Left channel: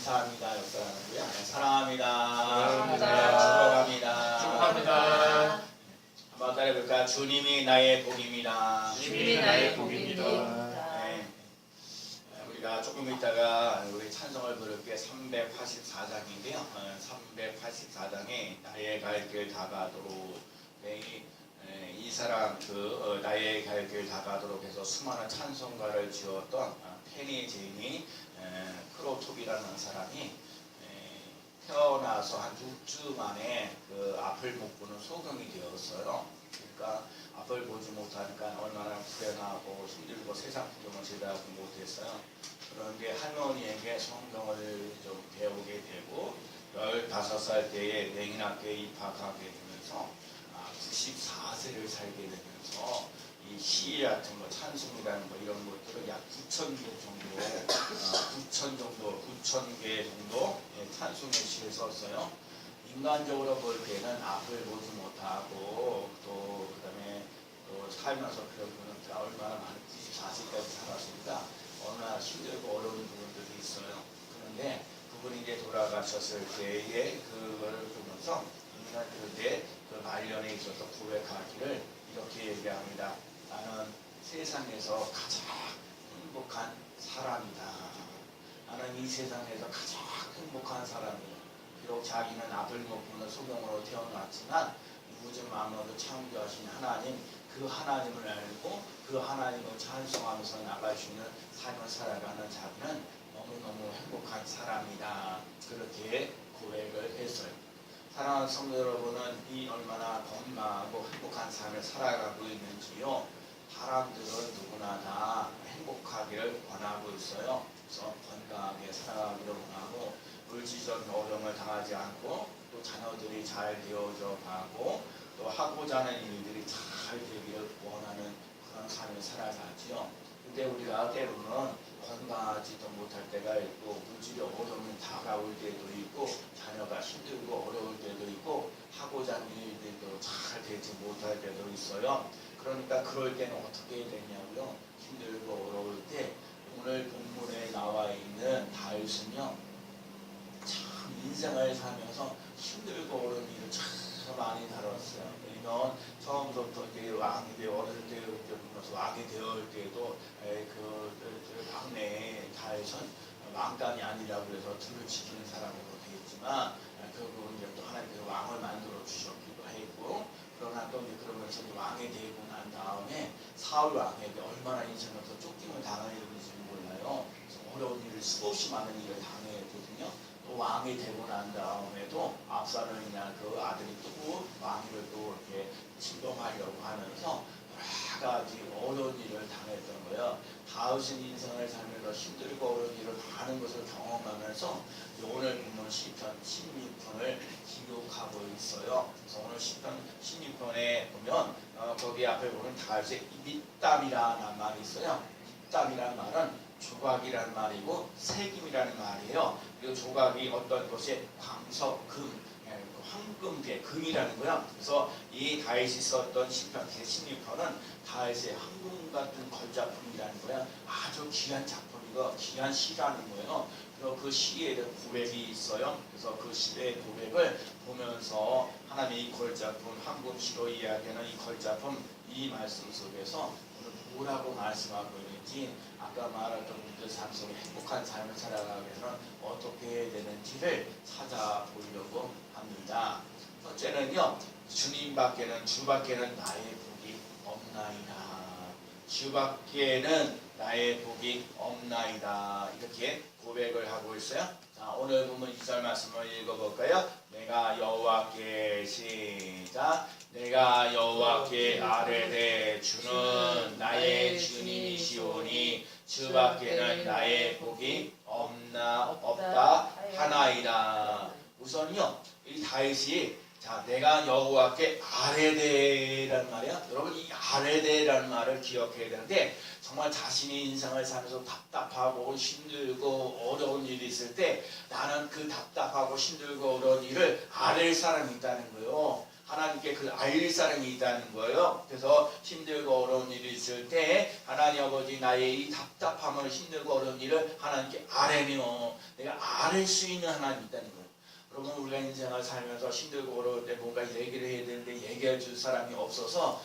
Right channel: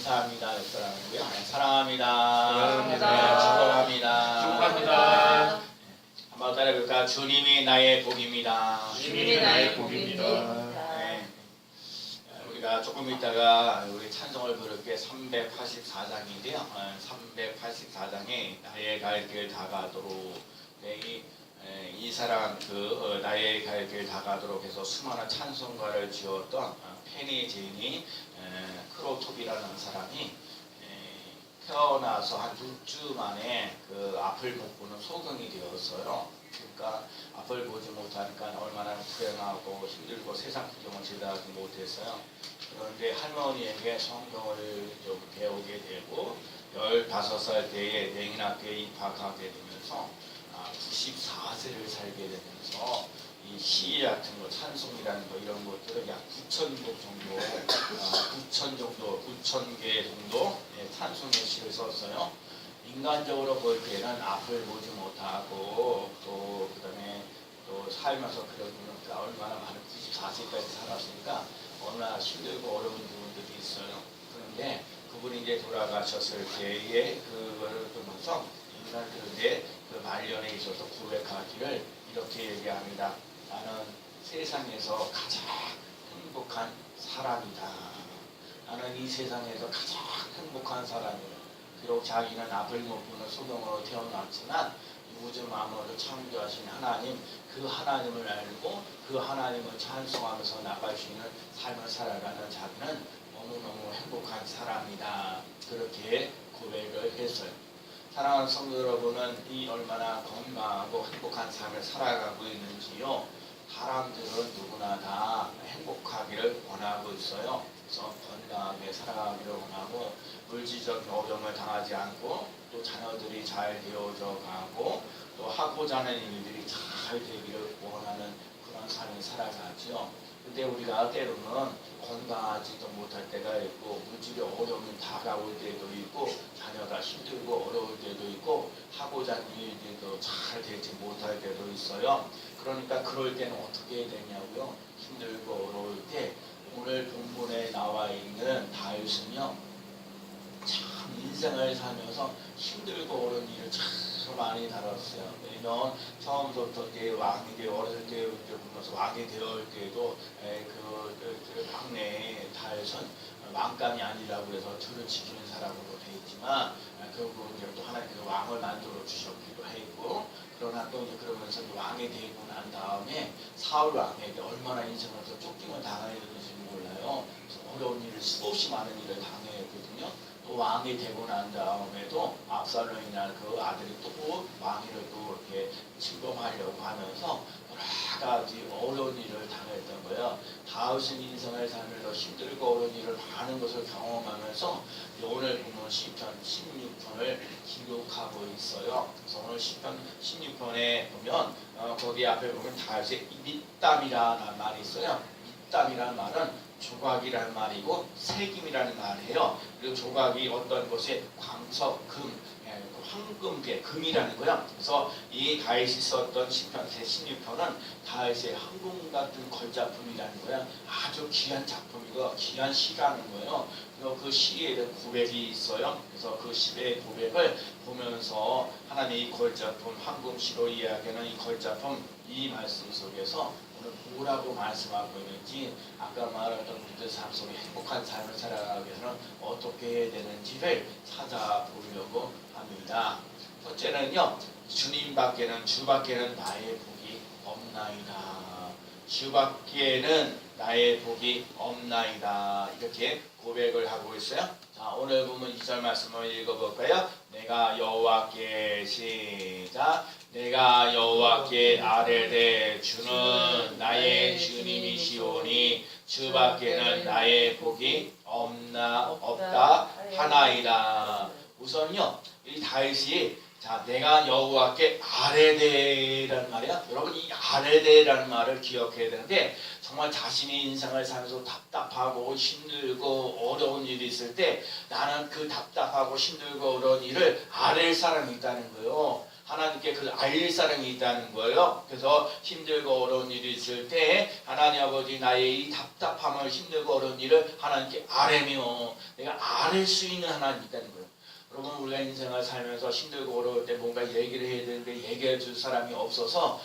감사합니다. 역사라는고요. 사랑합니다. 사랑합니다. 축복합니다. 축복합니다. 한번 따라해볼까? 주님이 나의 복입니다. 주님이 나의 복입니다. 네. 우리가 조금 있다가 우리 찬송을 부를 게 384장인데요. 384장에 나의 갈 길 다가도록 이 사람 나의 갈 길 다가도록 해서 수많은 찬송가를 지었던 페니 제인이 크로톱이라는 사람이 태어나서 한 6주 만에 그 앞을 못 보는 소경이 되었어요. 그러니까 앞을 보지 못하니까 얼마나 불행하고 힘들고 세상 구경을 제대로 하지 못했어요. 그런데 할머니에게 성경을 좀 배우게 되고 15살 때에 맹인학교에 입학하게 되면서 94세를 살게 되면서 이 시 같은 거, 찬송이라는 거 이런 것들을 약 9,000곡 정도, 9,000개 정도 찬송의 시를 썼어요. 인간적으로 볼 때는 앞을 보지 못하고 또 그다음에 또 살면서 그러니까 얼마나 많은 94세까지 살았으니까 얼마나 힘들고 어려운 부분들이 있어요. 그런데 그분이 이제 돌아가셨을 때에 그거를 보면서 인간들의 그 말년에 있어서 고백하기를 이렇게 얘기합니다. 나는 세상에서 가장 행복한 사람이다. 나는 이 세상에서 가장 행복한 사람이에요. 비록 자기는 앞을 못 보는 소경으로 태어났지만 우주 만물을 창조하신 하나님, 그 하나님을 알고 그 하나님을 찬송하면서 나갈 수 있는 삶을 살아가는 자기는 너무너무 행복한 사람이다. 그렇게 고백을 했어요. 사랑하는 성도 여러분은 이 얼마나 건강하고 행복한 삶을 살아가고 있는지요. 사람들은 누구나 다 행복하기를 원하고 있어요. 그래서 건강하게 살아가기를 원하고 물질적인 어려움을 당하지 않고 또 자녀들이 잘 되어져 가고 또 하고자 하는 일들이 잘 되기를 원하는 그런 삶을 살아가지요. 근데 우리가 때로는 건강하지도 못할 때가 있고 물질의 어려움이 다가올 때도 있고 자녀가 힘들고 어려울 때도 있고 하고자 하는 일들도 잘 되지 못할 때도 있어요. 그러니까 그럴 때는 어떻게 해야 되냐고요. 힘들고 어려울 때 오늘 본문에 나와 있는 다윗은요 참 인생을 살면서 힘들고 어려운 일을 참 많이 다뤘어요. 왜냐면 처음부터 이제 왕이 되어 어렸을 때 보면서 왕이 되어올 때도 그 막내 다윗은 왕감이 아니라고 해서 들을 지키는 사람으로 되어 있지만 결국은 이제 또 하나님께서 왕을 만들어 주셨기도 했고 그러나 또 이제 그러면서 왕이 되고 난 다음에 사울 왕에게 얼마나 인생에서 쫓김을 당해야 되는지 몰라요. 어려운 일을 수없이 많은 일을 당했거든요. 또 왕이 되고 난 다음에도 압살롬이나 그 아들이 또 왕위를 또 이렇게 침범하려고 하면서 여러 가지 어려운 일을 당했던 거예요. 다윗은 인생을 살면서 힘들고 어려운 일을 많은 것을 경험하면서 오늘 보면 시편 16편을 기록하고 있어요. 그래서 오늘 시편 16편에 보면 거기 앞에 보면 다윗의 밑담이라는 말이 있어요. 밑담이라는 말은 조각이라는 말이고 색임이라는 말이에요. 그리고 조각이 어떤 것에 광석, 금, 황금계, 금이라는 거야. 그래서 이 다윗이 썼던 시편 제16편은 다윗의 황금 같은 걸작품이라는 거야. 아주 귀한 작품이고 귀한 시라는 거예요. 그래서 그 시에 대한 고백이 있어요. 그래서 그 시의 고백을 보면서 하나님 이 걸작품, 황금시로 이야기하는 이 걸작품 이 말씀 속에서 오늘 뭐라고 말씀하고 있는지 아까 말했던 우리들 삶 속에 행복한 삶을 살아가기 위해서는 어떻게 해야 되는지를 찾아보려고 합니다. 첫째는요, 주님밖에는 주밖에는 나의 복이 없나이다. 주밖에는 나의 복이 없나이다. 이렇게 고백을 하고 있어요. 자, 오늘 보면 2절 말씀을 읽어볼까요? 내가 여호와께 시작. 내가 여호와께 아뢰되 주는 나의 주님이시오니 주밖에는 나의 복이 없다 하나이다. 우선요 이 다윗이 자 내가 여호와께 아뢰되라는 말이야. 여러분 이 아뢰되라는 말을 기억해야 되는데 정말 자신의 인생을 살면서 답답하고 힘들고 어려운 일이 있을 때 나는 그 답답하고 힘들고 어려운 일을 아뢰 사람이 있다는 거예요. 하나님께 그 알 사람이 있다는 거예요. 그래서 힘들고 어려운 일이 있을 때 하나님 아버지 나의 이 답답함을 힘들고 어려운 일을 하나님께 아뢰며 내가 아뢰 수 있는 하나님이 있다는 거예요. 여러분 우리가 인생을 살면서 힘들고 어려울 때 뭔가 얘기를 해야 되는데 얘기해 줄 사람이 없어서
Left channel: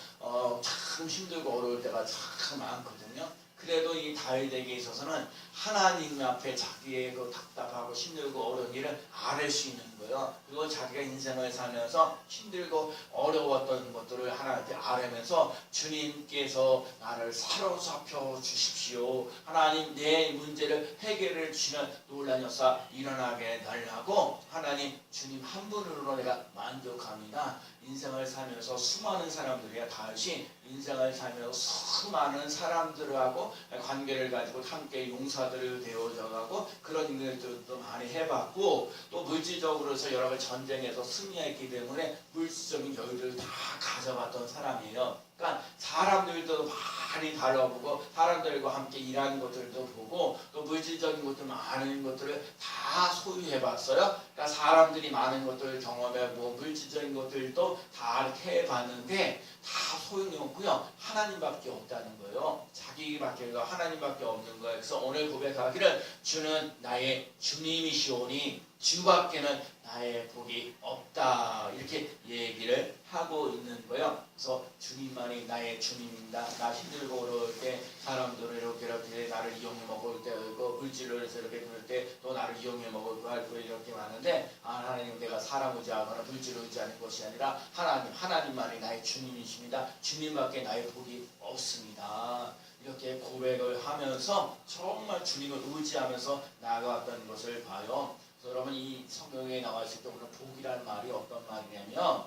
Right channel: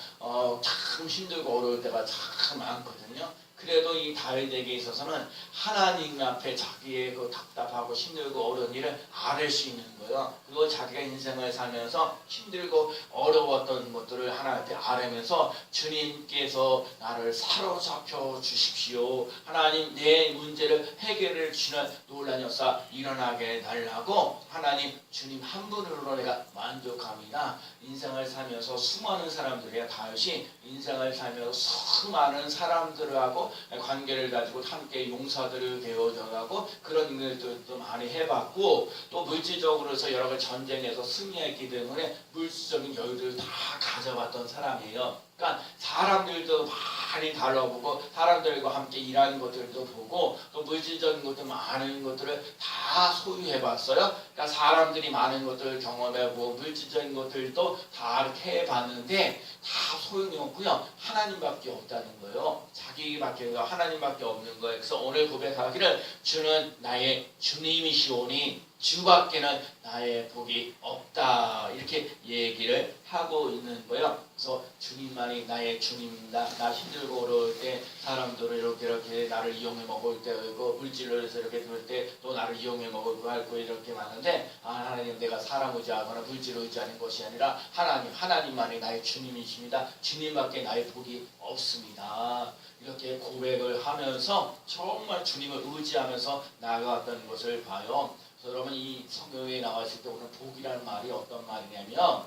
참 힘들고 어려울 때가 참 많거든요. 그래도 이 다윗에게 있어서는 하나님 앞에 자기의 그 답답하고 힘들고 어려운 일을 아뢰 수 있는 거예요. 그리고 자기가 인생을 살면서 힘들고 어려웠던 것들을 하나님께 아뢰면서 주님께서 나를 사로잡혀 주십시오. 하나님 내 문제를 해결해 주시는 놀라운 역사 일어나게 달라고 하나님 주님 한 분으로 내가 만족합니다. 인생을 살면서 수많은 사람들이야 다윗이 인생을 살면서 수많은 사람들하고 관계를 가지고 함께 용사들을 되어져가고 그런 일들도 많이 해봤고 또 물질적으로서 여러 가지 전쟁에서 승리했기 때문에 물질적인 여유를 다 가져봤던 사람이에요. 그러니까 사람들도 많이 다뤄보고 사람들과 함께 일하는 것들도 보고 또 물질적인 것들 많은 것들을 다 소유해봤어요. 그러니까 사람들이 많은 것들을 경험해보고 물질적인 것들도 다 이렇게 해봤는데 다 소용이 없고요. 하나님밖에 없다는 거예요. 자기밖에 하나님밖에 없는 거예요. 그래서 오늘 고백하기를 주는 나의 주님이시오니 주밖에는 나의 복이 없다 이렇게 얘기를 하고 있는 거예요. 그래서 주님만이 나의 주님입니다. 나 힘들고 어려울 때 사람들을 이렇게 나를 이용해 먹을 때 물질을 해서 이렇게 들 때 또 나를 이용해 먹을 거 이렇게 많은데 하나님 내가 사람 의지하거나 물질 의지하는 것이 아니라 하나님만이 나의 주님이십니다. 주님밖에 나의 복이 없습니다. 이렇게 고백을 하면서 정말 주님을 의지하면서 나아갔던 것을 봐요. 여러분 이 성경에 나와 있을 때 오늘 복이라는 말이 어떤 말이냐면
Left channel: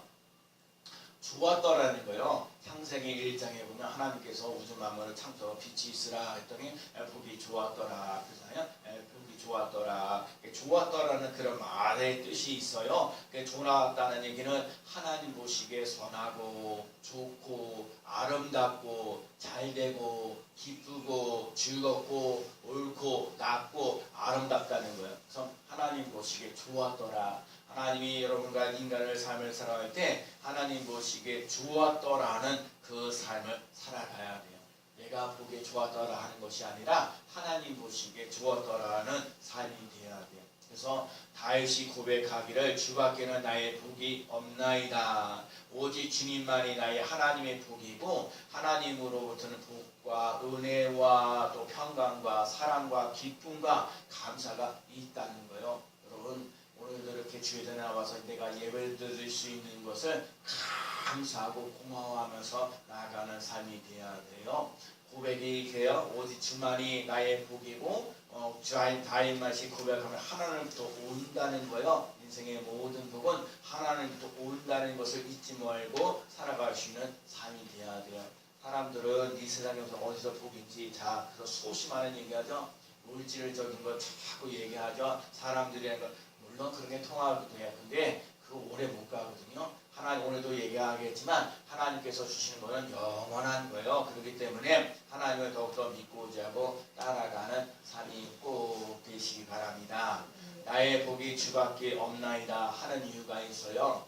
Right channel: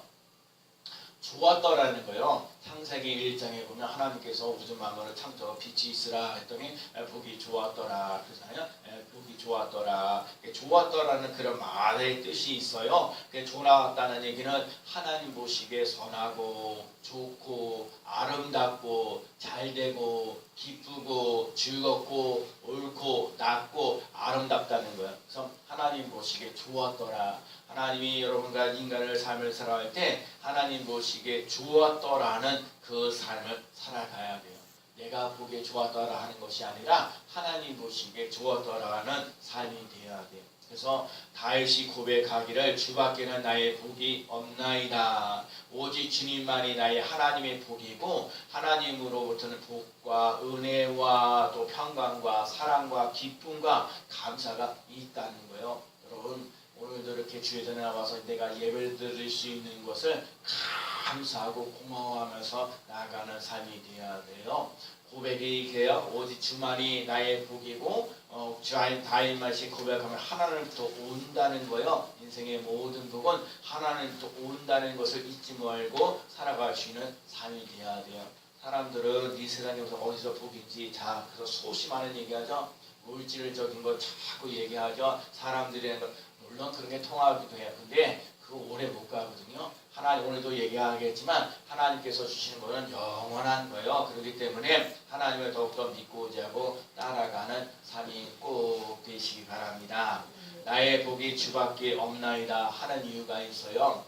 좋았더라는 거예요. 창세기 1장에 보면 하나님께서 우주 만물을 창조 빛이 있으라 했더니 복이 좋았더라 그러잖아요. 복이 좋았더라. 좋았더라는 그런 말의 뜻이 있어요. 좋았다는 얘기는 하나님 보시기에 선하고 좋고 아름답고 잘되고 기쁘고 즐겁고 옳고 낮고 아름답다는 거예요. 그래서 하나님 보시기에 좋았더라. 하나님이 여러분과 인간을 삶을 살아갈 때 하나님 보시기에 좋았더라는 그 삶을 살아가야 돼요. 내가 보기에 좋았더라 하는 것이 아니라 하나님 보시기에 좋았더라는 삶이 되어야 돼요. 그래서 다윗이 고백하기를 주밖에는 나의 복이 없나이다. 오직 주님만이 나의 하나님의 복이고 하나님으로부터는 복과 은혜와 또 평강과 사랑과 기쁨과 감사가 있다는 거예요. 여러분 오늘도 이렇게 주의 전에 나와서 내가 예배를 드릴 수 있는 것을 감사하고 고마워하면서 나아가는 삶이 되어야 돼요. 고백이 돼요. 오직 주만이 나의 복이고 다윗만이 고백하면 하나님부터 온다는 거예요. 인생의 모든 복은 하나님부터 온다는 것을 잊지 말고 살아갈 수 있는 삶이 되어야 돼요. 사람들은 이 세상에서 어디서 복인지 그래서 소심하는 얘기하죠. 물질적인 거 자꾸 얘기하죠. 사람들이 물론 그런 게 통하기도 해요. 근데 그거 오래 못 가거든요. 하나님 오늘도 얘기하겠지만 하나님께서 주시는 것은 영원한 거예요. 그렇기 때문에 하나님을 더욱더 믿고 의지하고 따라가는 삶이 꼭 되시기 바랍니다. 나의 복이 주밖에 없나이다 하는 이유가 있어요.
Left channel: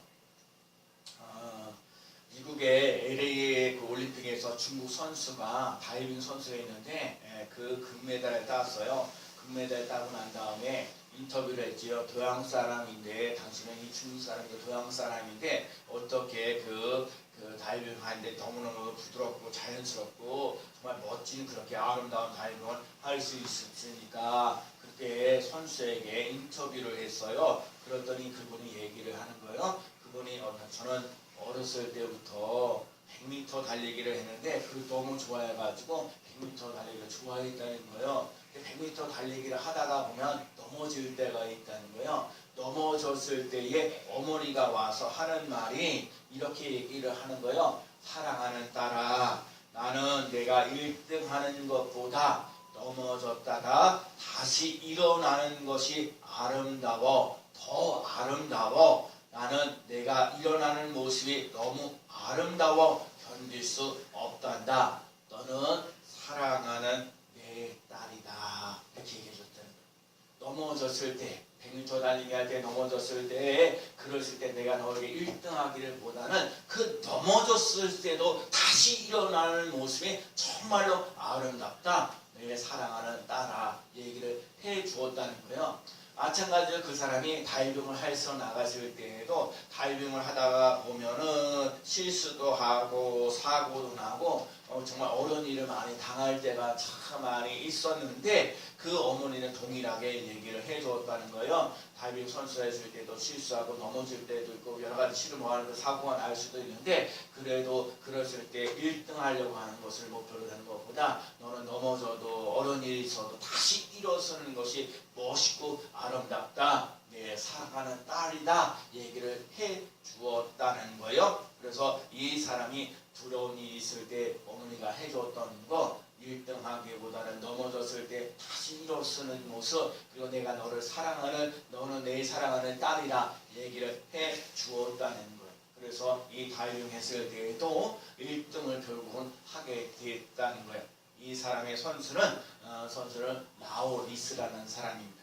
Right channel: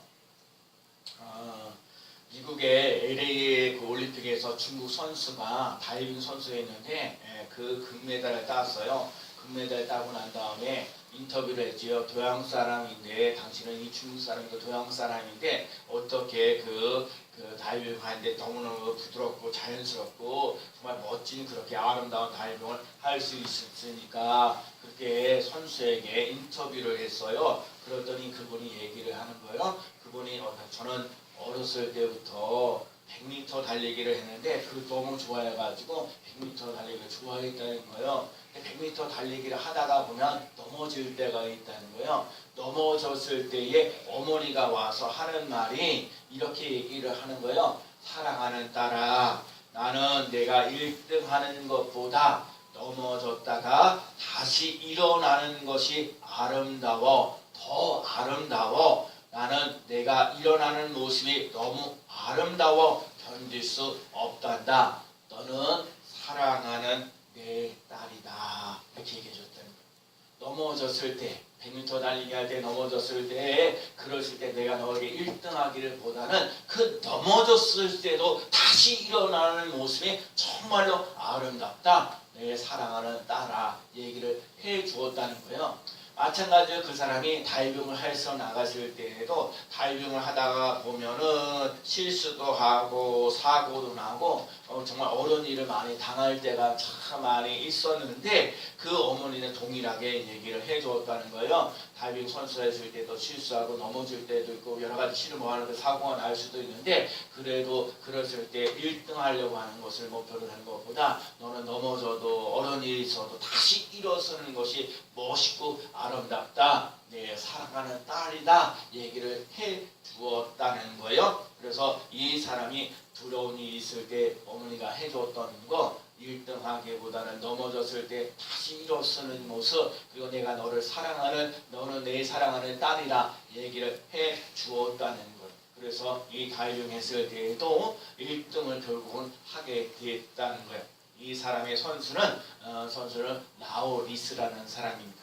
미국의 LA 그 올림픽에서 중국 선수가 다이빙 선수였는데 그 금메달을 땄어요. 금메달 따고 난 다음에 인터뷰를 했지요. 동양 사람인데 당신은 이 중국 사람이고 동양 사람인데 어떻게 그 다이빙을 하는데 너무너무 부드럽고 자연스럽고 정말 멋진 그렇게 아름다운 다이빙을 할 수 있으니까 그렇게 선수에게 인터뷰를 했어요. 그랬더니 그분이 얘기를 하는 거예요. 그분이 저는 어렸을 때부터 100m 달리기를 했는데 그걸 너무 좋아해가지고 100m 달리기를 좋아했다는 거예요. 100m 달리기를 하다가 보면 넘어질 때가 있다는 거예요. 넘어졌을 때에 어머니가 와서 하는 말이 이렇게 얘기를 하는 거예요. 사랑하는 딸아, 나는 내가 1등 하는 것보다 넘어졌다가 다시 일어나는 것이 아름다워. 더 아름다워. 나는 내가 일어나는 모습이 너무 아름다워 견딜 수 없단다. 너는 사랑하는 내 딸이다. 이렇게 얘기해 줬다는 거예요. 넘어졌을 때 100m 달리기 할 때 넘어졌을 때 그랬을 때 내가 너에게 1등하기를 보다는 그 넘어졌을 때도 다시 일어나는 모습이 정말로 아름답다. 내 사랑하는 딸아 얘기를 해 주었다는 거예요. 마찬가지로 그 사람이 다이빙을 해서 나갔을 때에도 다이빙을 하다가 보면은 실수도 하고 사고도 나고 정말 어려운 일을 많이 당할 때가 참 많이 있었는데 그 어머니는 동일하게 얘기를 해주었다는 거예요. 다이빙 선수 했을 때도 실수하고 넘어질 때도 있고 여러 가지 실무하는데 사고가 날 수도 있는데 그래도 그랬을 때 1등 하려고 하는 것을 목표로 하는 것보다 너는 넘어져도 어려운 일이 있어도 다시 일어서는 것이 멋있고 아름답다. 내 사랑하는 딸이다. 얘기를 해 주었다는 거예요. 그래서 이 사람이 두려운 일이 있을 때 어머니가 해줬던 거 1등 하기보다는 넘어졌을 때 다시 일어서는 모습 그리고 내가 너를 사랑하는 너는 내 사랑하는 딸이라 얘기를 해 주었다는 거예요. 그래서 이 다이빙 했을 때에도 1등을 결국은 하게 됐다는 거예요. 이 사람의 선수는 라오리스라는 사람입니다.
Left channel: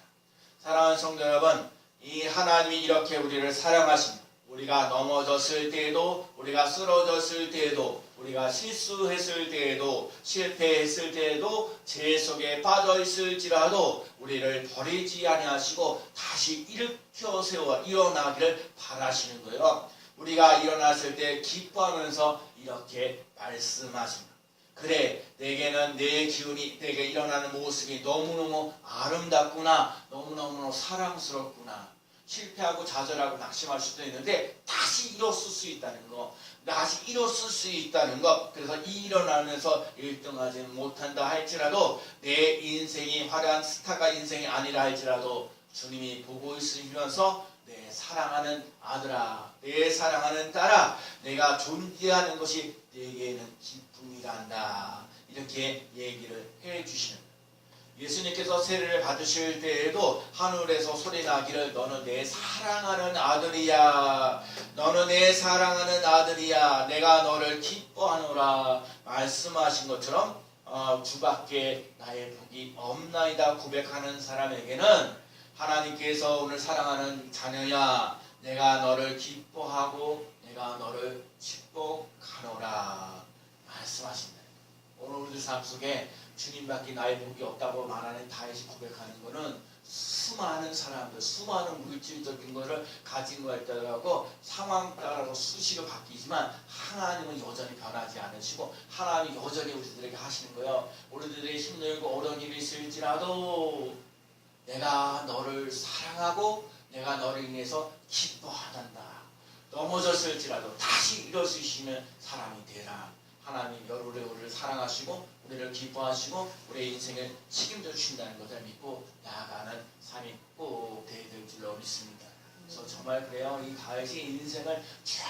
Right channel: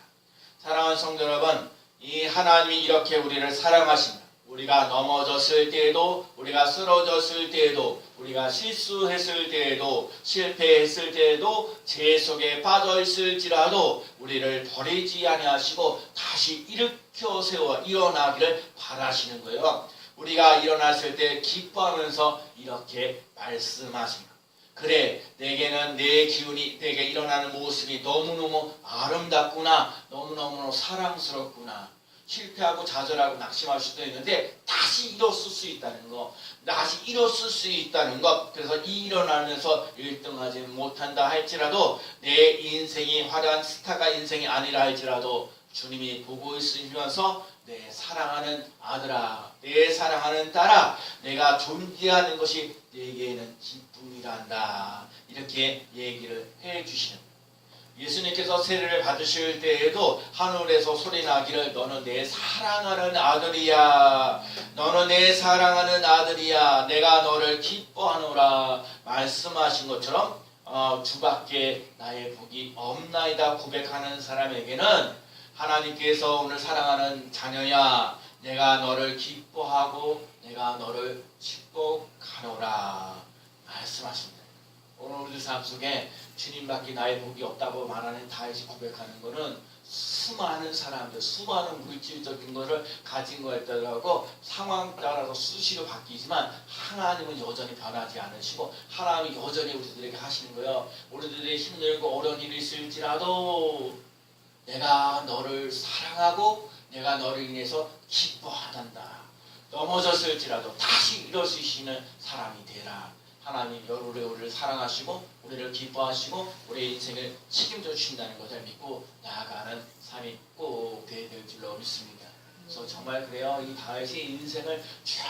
사랑하는 성도 여러분, 이 하나님이 이렇게 우리를 사랑하십니다. 우리가 넘어졌을 때에도 우리가 쓰러졌을 때에도 우리가 실수했을 때에도 실패했을 때에도 죄 속에 빠져 있을지라도 우리를 버리지 아니하시고 다시 일으켜 세워 일어나기를 바라시는 거예요. 우리가 일어났을 때 기뻐하면서 이렇게 말씀하십니다. 그래, 내게는 내 기운이 내게 일어나는 모습이 너무너무 아름답구나. 너무너무 사랑스럽구나. 실패하고 좌절하고 낙심할 수도 있는데 다시 일어설 수 있다는 거. 다시 일어설 수 있다는 것. 그래서 일어나면서 1등하지 못한다 할지라도 내 인생이 화려한 스타가 인생이 아니라 할지라도 주님이 보고 있으면서 내 사랑하는 아들아, 내 사랑하는 딸아, 내가 존재하는 것이 내게는 기쁨이란다. 이렇게 얘기를 해주시는 거예요. 예수님께서 세례를 받으실 때에도 하늘에서 소리 나기를 너는 내 사랑하는 아들이야. 너는 내 사랑하는 아들이야. 내가 너를 기뻐하노라 말씀하신 것처럼 주밖에 나의 복이 없나이다 고백하는 사람에게는 하나님께서 오늘 사랑하는 자녀야 내가 너를 기뻐하고 내가 너를 축복하노라 말씀하십니다. 오늘 우리 삶 속에 주님밖에 나의 복이 없다고 말하는 다윗이 고백하는 것은 수많은 사람들, 수많은 물질적인 것을 가진 거에 따라서 상황 따라서 수시로 바뀌지만 하나님은 여전히 변하지 않으시고 하나님은 여전히 우리들에게 하시는 거예요. 우리들의 힘들고 어려운 일이 있을지라도 내가 너를 사랑하고 내가 너를 인해서 기뻐하단다. 넘어졌을지라도 다시 일어서시는 사람이 되라. 하나님 우리를 사랑하시고 우리를 기뻐하시고 우리의 인생을 책임져 주신다는 것을 믿고 나아가는 삶이 꼭 되어야 될 줄로 믿습니다. 그래서 정말 그래요. 이 다윗의 인생을 쭉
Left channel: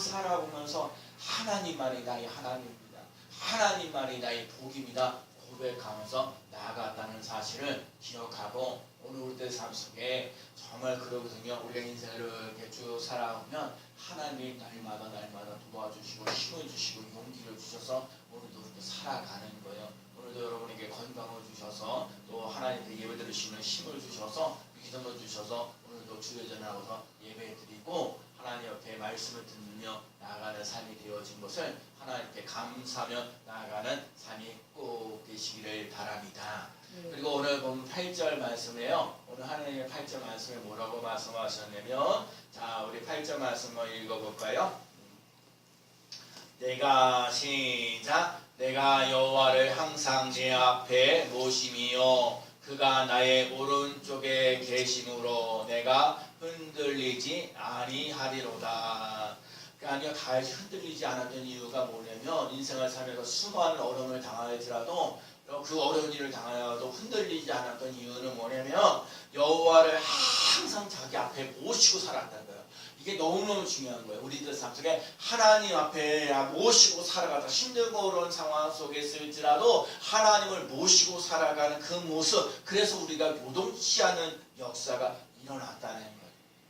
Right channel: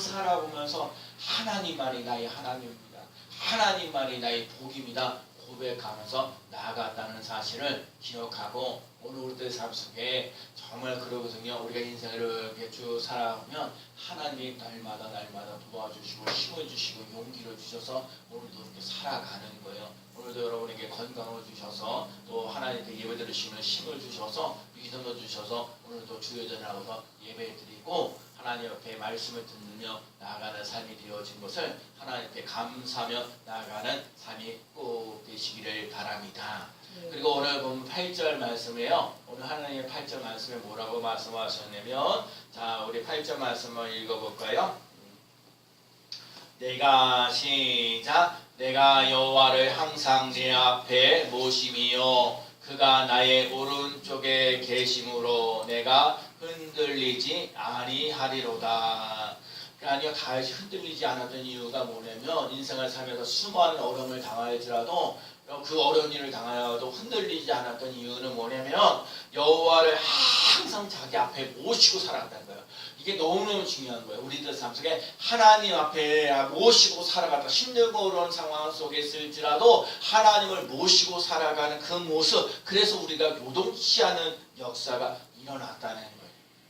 살아보면서 하나님만이 나의 하나님입니다. 하나님만이 나의 복입니다. 고백하면서 나아갔다는 사실을 기억하고 오늘 우리들 삶 속에 정말 그러거든요. 우리가 인생을 이렇게 쭉 살아오면 하나님이 날마다 도와주시고 힘을 주시고 용기를 주셔서 오늘도 이렇게 살아가는 거예요. 오늘도 여러분에게 건강을 주셔서 또 하나님께 예배 드리시는 힘을 주셔서 위선을 주셔서 오늘도 주여전을 하고서 예배 드리고 하나님 앞에 말씀을 듣며 나아가는 삶이 되어진 것을 하나님 앞에 감사하며 나아가는 삶이 꼭 되시기를 바랍니다. 그리고 오늘 보면 8절 말씀이에요. 오늘 하나님의 8절 말씀에 뭐라고 말씀하셨냐면 자 우리 8절 말씀을 읽어볼까요? 내가 시작 내가 여호와를 항상 내 앞에 모심이요 그가 나의 오른쪽에 계심으로 내가 흔들리지 아니하리로다. 아니요 다윗이 흔들리지 않았던 이유가 뭐냐면 인생을 살면서 수많은 어려움을 당할지라도 그 어려운 일을 당하여도 흔들리지 않았던 이유는 뭐냐면 여호와를 항상 자기 앞에 모시고 살았다는 거예요. 이게 너무너무 중요한 거예요. 우리들 삶 속에 하나님 앞에 모시고 살아가다 힘들고 어려운 상황 속에 있을지라도 하나님을 모시고 살아가는 그 모습 그래서 우리가 요동치 않은 역사가 일어났다는 거예요.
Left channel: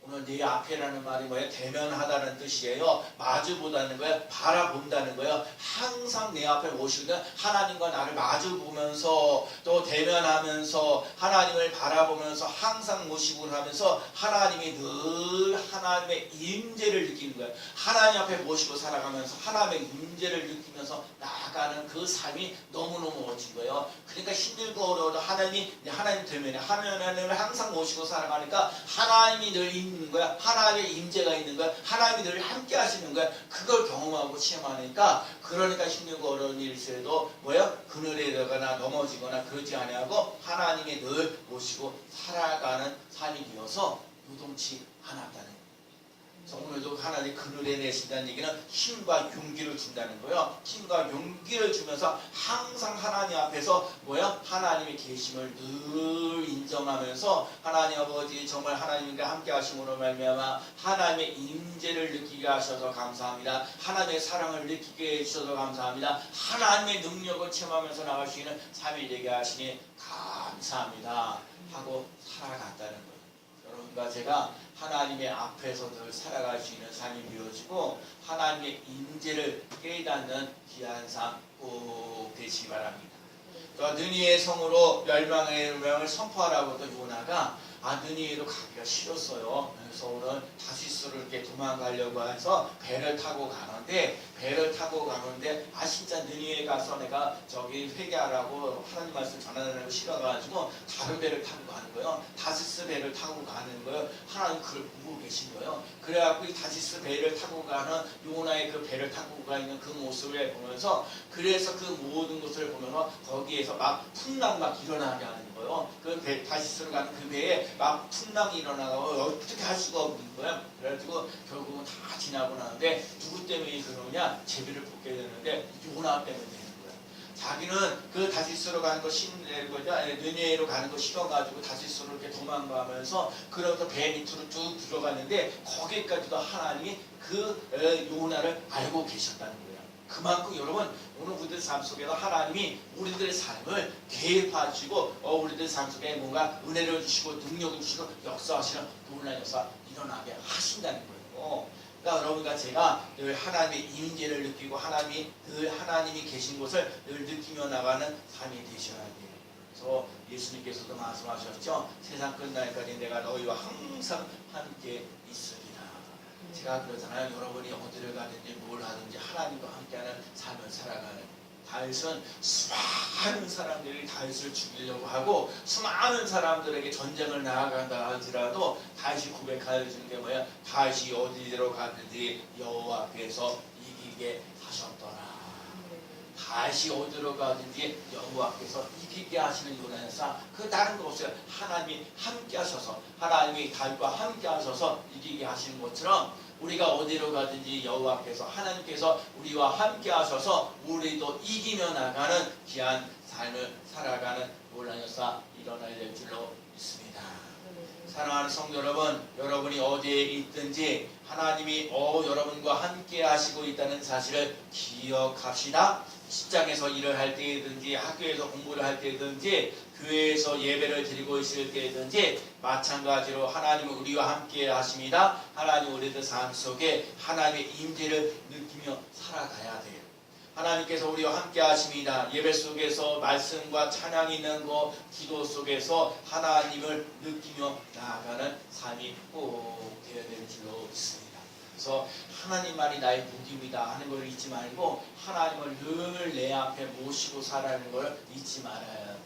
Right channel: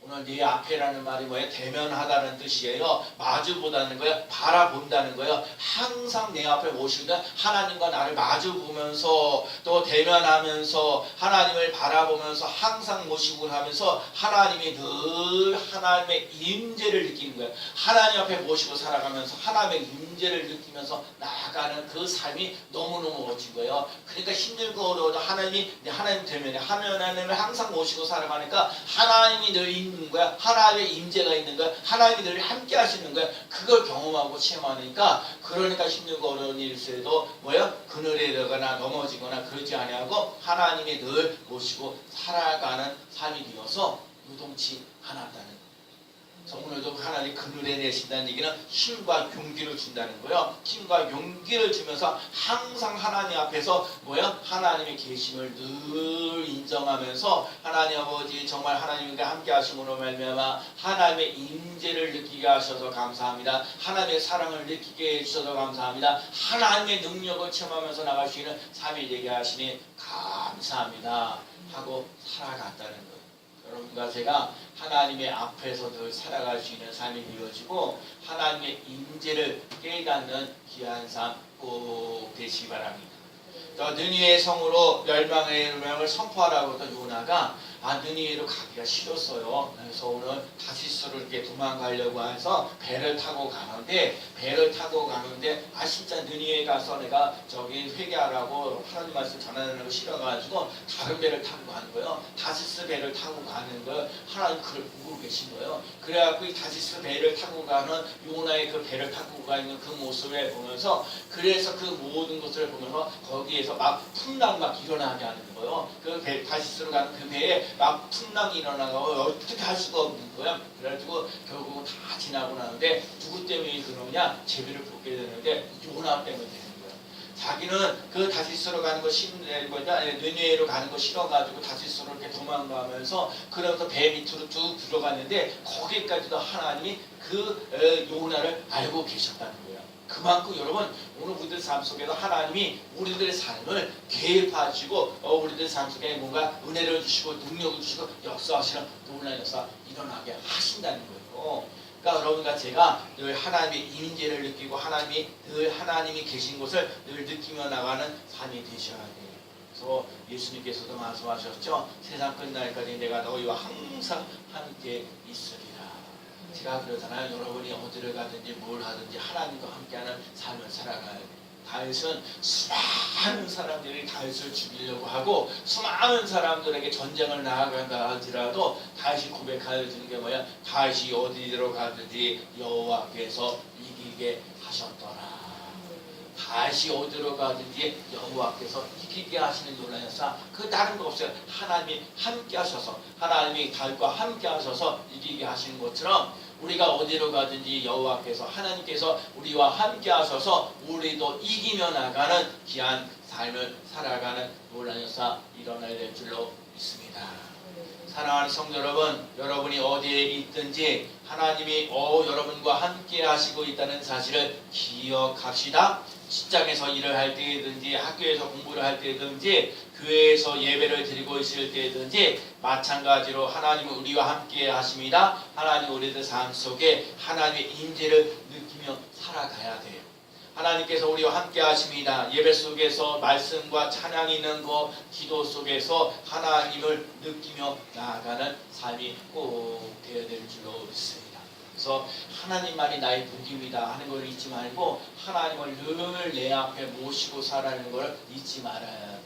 오늘 네 앞에라는 말이 뭐예요? 대면하다는 뜻이에요. 마주보다는 거예요. 바라본다는 거예요. 항상 내 앞에 모시고 하나님과 나를 마주보면서 또 대면하면서 하나님을 바라보면서 항상 모시고 하면서 하나님이 늘 하나님의 임재를 느끼는 거예요. 하나님 앞에 모시고 살아가면서 하나님의 임재를 느끼면서 나아가는 그 삶이 너무너무 멋진 거예요. 그러니까 힘들고 어려워도 하나님 대면에 하나님을 항상 모시고 살아가니까 하나님이 늘 있는 거야. 하나님의 임재가 있는 거야. 하나님이 늘 함께 하시는 거야. 그걸 경험하고 체험하니까 그러니까 힘들고 어려운 일일수에도 뭐야? 그늘에 들어가나 넘어지거나 그러지 아니하고 하나님이 늘 모시고 살아가는 삶이 되어서 요동치 않았다는 거예요. 그래서 오늘도 하나님 그늘에 내신다는 얘기는 힘과 용기를 준다는 거예요. 힘과 용기를 주면서 항상 하나님 앞에서 뭐야? 하나님의 계심을 늘 인정하면서 하나님 아버지 정말 하나님과 함께 하심으로 말미암아 하나님의 임재를 느끼게 하셔서 감사합니다. 하나님의 사랑을 느끼게 해주셔서 감사합니다. 하나님의 능력을 체험하면서 나갈 수 있는 삶이 되게 하시니 감사합니다 하고 살아갔다는 거예요. 여러분과 제가 하나님의 앞에서 늘 살아갈 수 있는 삶이 이루어지고 하나님의 임재를 깨닫는 귀한 삶 꼭 되시기 바랍니다. 느니의 성으로 멸망의 명을 선포하라고 또 요나가 느니에로 가기가 싫었어요. 그래서 오늘 다시스로 이렇게 도망가려고 해서 배를 타고 가는데 진짜 느니에 가서 내가 저기 회개하라고 하나님 말씀 전하는 거 싫어가지고 다른 배를 타고 가는 거예요. 다시스 배를 타고 가는 거예요. 하나님 그걸 보고 계신 거예요. 그래갖고 이 다시스 배를 타고 가는 요나의 그 배를 타고 가는 그 모습을 보면서 그래서 그 모든 것을 보면서 거기에서 막 풍랑 막 일어나게 하는 거예요. 그 배, 다시스로 가는 그 배에 막 풍랑이 일어나고 어떻게 할 수가 없는 거예요. 그래가지고 결국은 다 지나고 나는데 누구 때문에 그러냐? 제비를 뽑게 되는데 요나 때문에 되는 거예요. 자기는 그 다시스로 가는 거 느니에로 가는 거 싫어가지고 다시스로 이렇게 도망가면서 그러면서 배 밑으로 쭉 들어갔는데 거기까지도 하나님이 그 요나를 알고 계셨다는 거예요. 그만큼 여러분 오늘 우리들 삶 속에서 하나님이 우리들의 삶을 개입하시고 우리들 삶 속에 뭔가 은혜를 주시고 능력을 주시고 역사하시는 놀라운 역사 일어나게 하신다는 거예요. 그러니까 여러분과 제가 늘 하나님의 임재를 느끼고 하나님이 계신 곳을 늘 느끼며 나가는 삶이 되셔야 돼요. 그래서 예수님께서도 말씀하셨죠. 세상 끝날까지 내가 너희와 항상 함께 있으리라. 제가 그러잖아요. 여러분이 어디를 가든지 뭘 하든지 하나님과 함께하는 삶을 살아가요. 다윗은 수많은 사람들이 다윗을 죽이려고 하고 수많은 사람들에게 전쟁을 나아간다 할지라도 다윗이 고백하는 게 뭐야? 다윗이 어디로 가든지 여호와께서 이기게 하셨더라. 다시 어디로 가든지 여호와께서 이기게 하시는 요나였사. 그 다른 거 없어요. 하나님이 함께 하셔서 하나님이 다윗과 함께 하셔서 이기게 하시는 것처럼 우리가 어디로 가든지 여호와께서 하나님께서 우리와 함께 하셔서 우리도 이기며 나가는 귀한 삶을 살아가는 놀라운 역사 일어나야 될 줄로 믿습니다. 사랑하는 성도 여러분, 여러분이 어디에 있든지 하나님이 여러분과 함께 하시고 있다는 사실을 기억합시다. 직장에서 일을 할 때든지 학교에서 공부를 할 때든지 교회에서 예배를 드리고 있을 때든지 마찬가지로 하나님은 우리와 함께 하십니다. 하나님 우리들 삶 속에 하나님의 임재를 느끼며 살아가야 돼요. 하나님께서 우리와 함께 하십니다. 예배 속에서 말씀과 찬양이 있는 것, 기도 속에서 하나님을 느끼며 나아가는 삶이 꼭 되어야 될 줄로 믿습니다. 그래서 하나님만이 나의 복입니다 하는 걸 잊지 말고 하나님을 늘 내 앞에 모시고 살아가는 걸 잊지 말아야 돼요.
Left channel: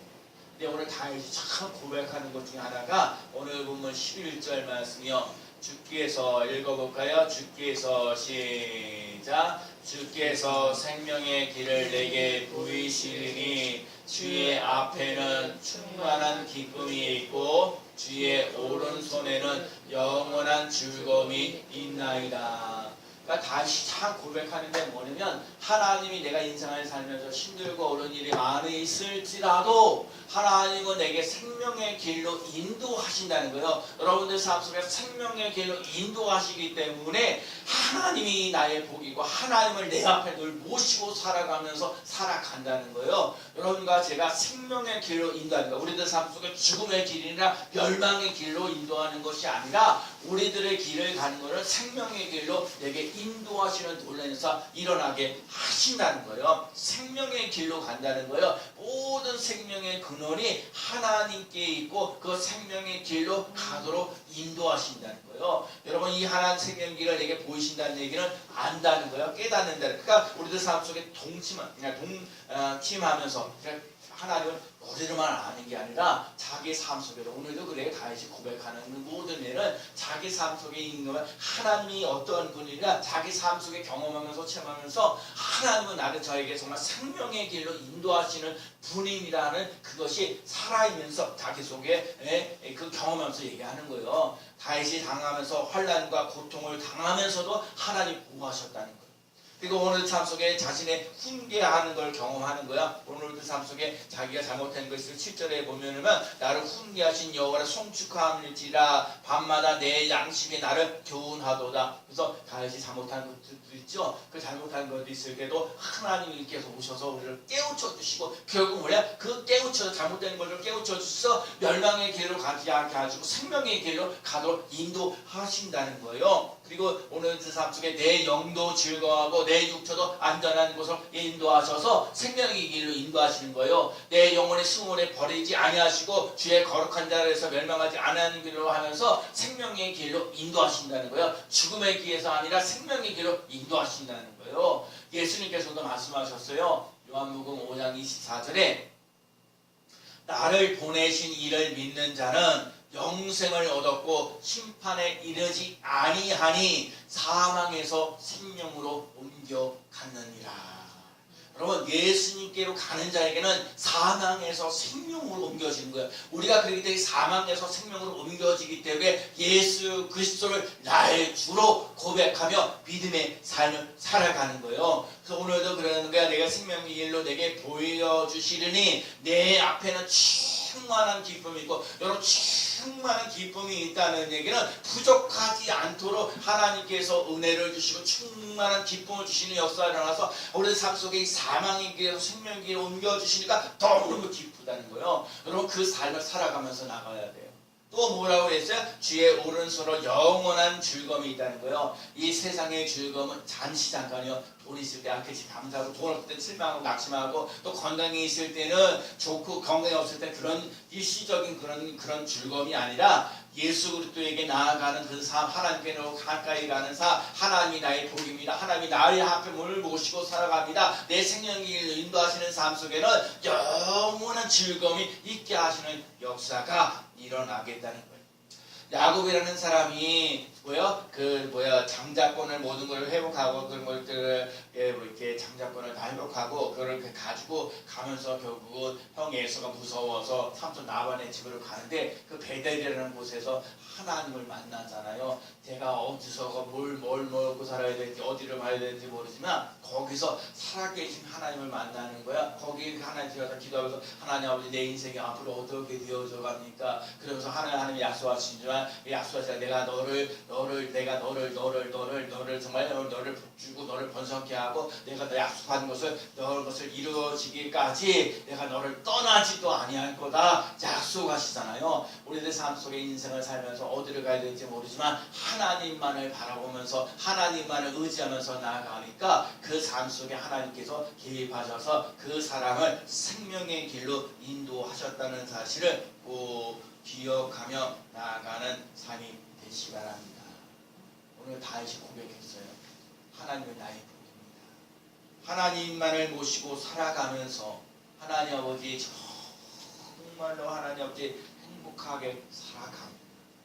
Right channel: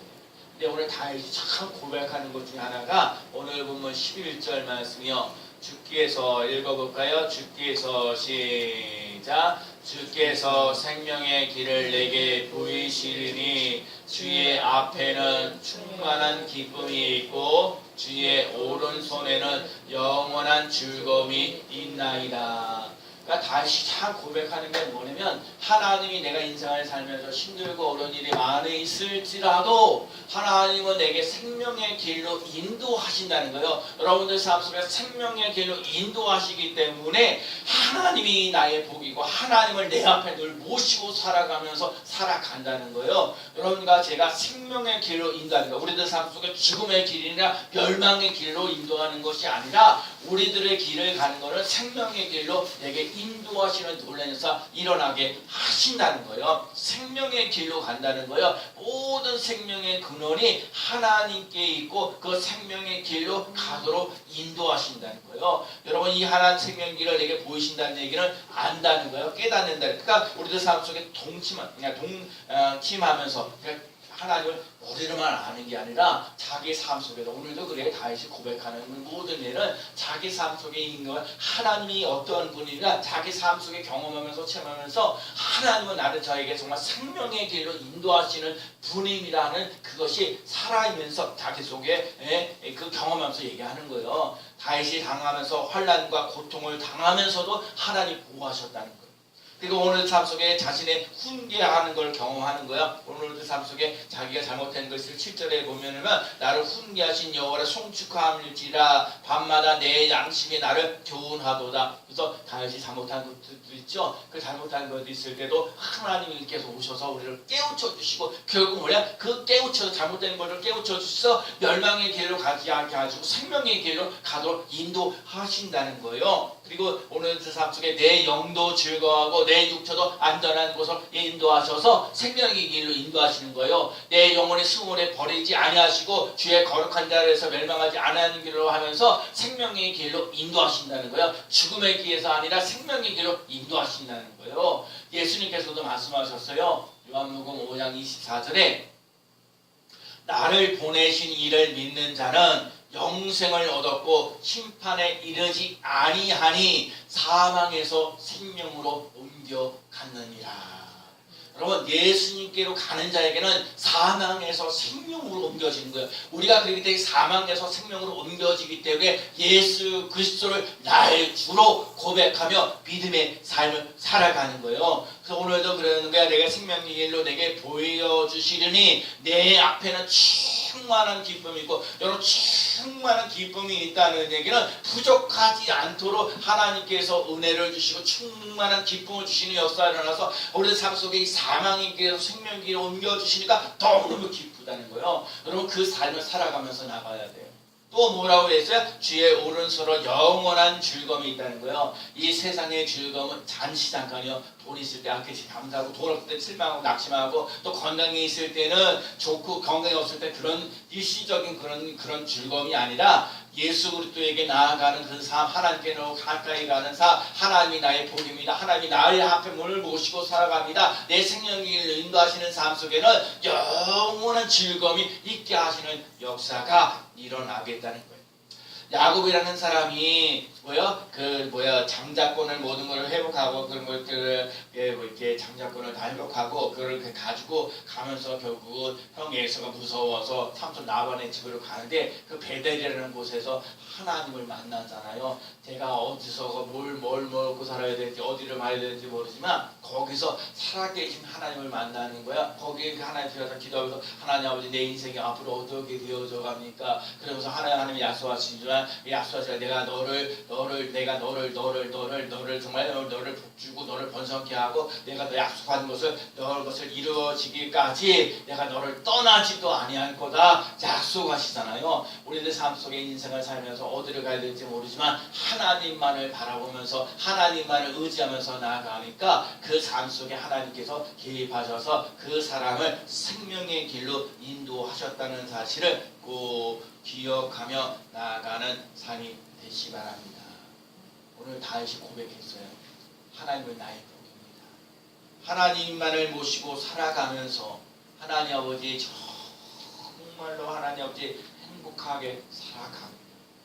근데 오늘 다윗이 참 고백하는 것 중에 하나가 오늘 보면 11절 말씀이요. 주께서 읽어볼까요? 주께서 시작. 주께서 생명의 길을 내게 보이시리니 주의 앞에는 충만한 기쁨이 있고 주의 오른손에는 영원한 즐거움이 있나이다. 그러니까 다시 참 고백하는 게 뭐냐면 하나님이 내가 인생을 살면서 힘들고 어려운 일이 많이 있을지라도 하나님은 내게 생명의 길로 인도하신다는 거예요. 여러분들 삶 속에 생명의 길로 인도하시기 때문에 하나님이 나의 복이고 하나님을 내 앞에 늘 모시고 살아가면서 살아간다는 거예요. 여러분과 제가 생명의 길로 인도하는 거, 우리들 삶 속에 죽음의 길이나 멸망의 길로 인도하는 것이 아니라 우리들의 길을 가는 것은 생명의 길로 내게 인도하시는 놀라운 역사 일어나게 하신다는 거예요. 생명의 길로 간다는 거예요. 모든 생명의 근원이 하나님께 있고 그 생명의 길로 가도록 인도하신다는 거예요. 여러분 이 하나님 생명의 길을 내게 보이신다는 얘기는 안다는 거예요. 깨닫는다. 그러니까 우리들 삶 속에 동침하면서 하나님을 머리로만 아는 게 아니라 자기 삶 속에도 오늘도 그래 다윗이 고백하는 모든 일은 자기 삶 속에 있는 걸 하나님이 어떤 분이냐 자기 삶 속에 경험하면서 체험하면서 하나님은 나를 저에게 정말 생명의 길로 인도하시는 분임이라는 그것이 살아있면서 자기 속에 그 경험하면서 얘기하는 거예요. 다윗이 당하면서 환난과 고통을 당하면서도 하나님 보호하셨다는 거예요. 그리고 오늘 삶 속에 자신의 훈계하는 걸 경험하는 거야. 오늘도 삶 속에 자기가 잘못된 것을 7절에 보면은 나를 훈계하신 여호와를 송축함일지라 밤마다 내 양심이 나를 교훈하도다. 그래서 다윗이 잘못한 것도 있죠. 그 잘못한 것도 있을 때도 하나님께서 오셔서 우리를 깨우쳐 주시고 결국 뭐냐? 그 깨우쳐 잘못된 것을 깨우쳐 주셔서 멸망의 길로 가지 않게 하시고 생명의 길로 가도록 인도하신다는 거예요. 그리고 오늘 삶 속에 내 영도 즐거워하고 내 육체도 안전한 곳으로 인도하셔서 생명의 길로 인도하시는 거예요. 내 영혼의 수문에 버리지 아니하시고 주의 거룩한 자리에서 멸망하지 않는 길로 하면서 생명의 길로 인도하신다는 거예요. 죽음의 길에서 아니라 생명의 길로 인도하신다는 거예요. 예수님께서도 말씀하셨어요. 요한복음 5장 24절에 나를 보내신 이를 믿는 자는 영생을 얻었고 심판에 이르지 아니하니 사망에서 생명으로 옮겨갔느니라. 여러분 예수님께로 가는 자에게는 사망에서 생명으로 옮겨지는 거예요. 우리가 그렇기 때문에 사망에서 생명으로 옮겨지기 때문에 예수 그리스도를 나의 주로 고백하며 믿음의 삶을 살아가는 거예요. 그래서 오늘도 그러는 거야. 내가 생명의 길로 내게 보여주시려니 내 앞에는 충만한 기쁨이 있고 여러분 충만한 기쁨이 있다는 얘기는 부족하지 않도록 하나님께서 은혜를 주시고 충만한 기쁨을 주시는 역사가 일어나서 우리 삶 속에 이 사망의 길에서 생명의 길로 옮겨주시니까 너무너무 기쁘다는 거예요. 여러분 그 삶을 살아가면서 나가야 돼요. 또 뭐라고 했어요? 주의 오른손으로 영원한 즐거움이 있다는 거예요. 이 세상의 즐거움은 잠시 잠깐이요. 돈 있을 때 아끼지 감사하고 돈 없을 때 실망하고 낙심하고 또 건강이 있을 때는 좋고 건강이 없을 때 그런 일시적인 그런 즐거움이 아니라 예수 그리스도에게 나아가는 그 삶, 하나님께로 가까이 가는 삶, 하나님이 나의 복입니다. 하나님이 나의 앞에 문을 모시고 살아갑니다. 내 생명의 길을 인도하시는 삶 속에는 영원한 즐거움이 있게 하시는 역사가 일어나겠다는 거예요. 야곱이라는 사람이 장자권을 모든 것을 회복하고 그런 것들을 이렇게 장자권을 다 회복하고 그걸 가지고 가면서 결국은 형 에서가 무서워서 삼촌 라반의 집으로 가는데 그 베델이라는 곳에서 하나님을 만나잖아요. 제가 어디서 뭘 먹고 살아야 될지 어디를 가야 될지 모르지만 거기서 살아계신 하나님을 만나는 거야. 거기 하나님 들어서 기도하면서 하나님 아버지 내 인생이 앞으로 어떻게 되어져 갑니까? 그러면서 하나님 약속하시지만 약속하시라 내가 너를 정말 너를 복주고 너를 번성케 하고 내가 너 약속한 것을 이루어지기까지 내가 너를 떠나지도 아니할 거다 약속하시잖아요. 우리들 삶 속에 인생을 살면서 어디를 가야 될지 모르지만 하나님만을 바라보면서 하나님만을 의지하면서 나아가니까 그 삶 속에 하나님께서 개입하셔서 그 사람을 생명의 길로 인도하셨다는 사실을 꼭 기억하며 나아가는 삶이 되시 바랍니다. 오늘 다윗이 고백했어요. 하나님은 나의 복입니다. 하나님만을 모시고 살아가면서 하나님 아버지 정말로 하나님 아버지 행복하게 살아가고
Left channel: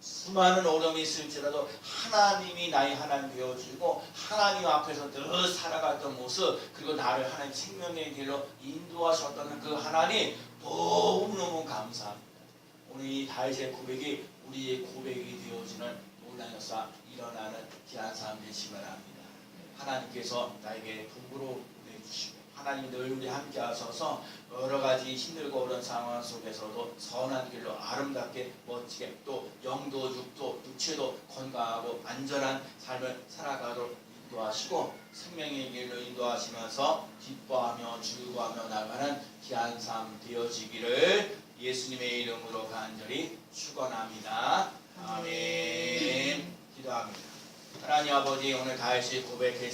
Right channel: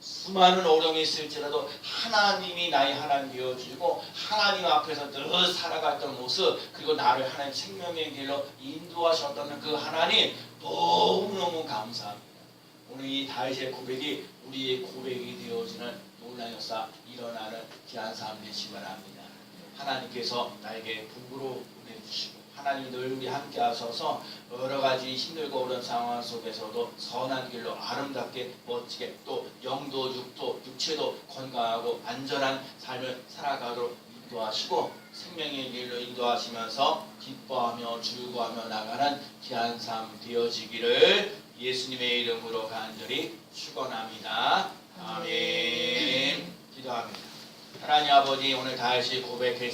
수많은 어려움이 있을지라도 하나님이 나의 하나님 되어주고 하나님 앞에서 늘 살아갔던 모습 그리고 나를 하나님 생명의 길로 인도하셨다는 그 하나님 너무너무 감사합니다. 오늘 이 다윗의 고백이 우리의 고백이 되어지는 놀라운 역사 일어나는 귀한 삶 되시기 바랍니다. 하나님께서 나에게 복으로 보내주시고 하나님 늘 우리 함께 하셔서 여러 가지 힘들고 어려운 상황 속에서도 선한 길로 아름답게 멋지게 또 영도 육도 육체도 건강하고 안전한 삶을 살아가도록 인도하시고 생명의 길로 인도하시면서 기뻐하며 즐거워하며 나가는 귀한 삶 되어지기를 예수님의 이름으로 간절히 축원합니다. 아멘. 기도합니다. 하나님 아버지, 오늘 다시 고백했습니다.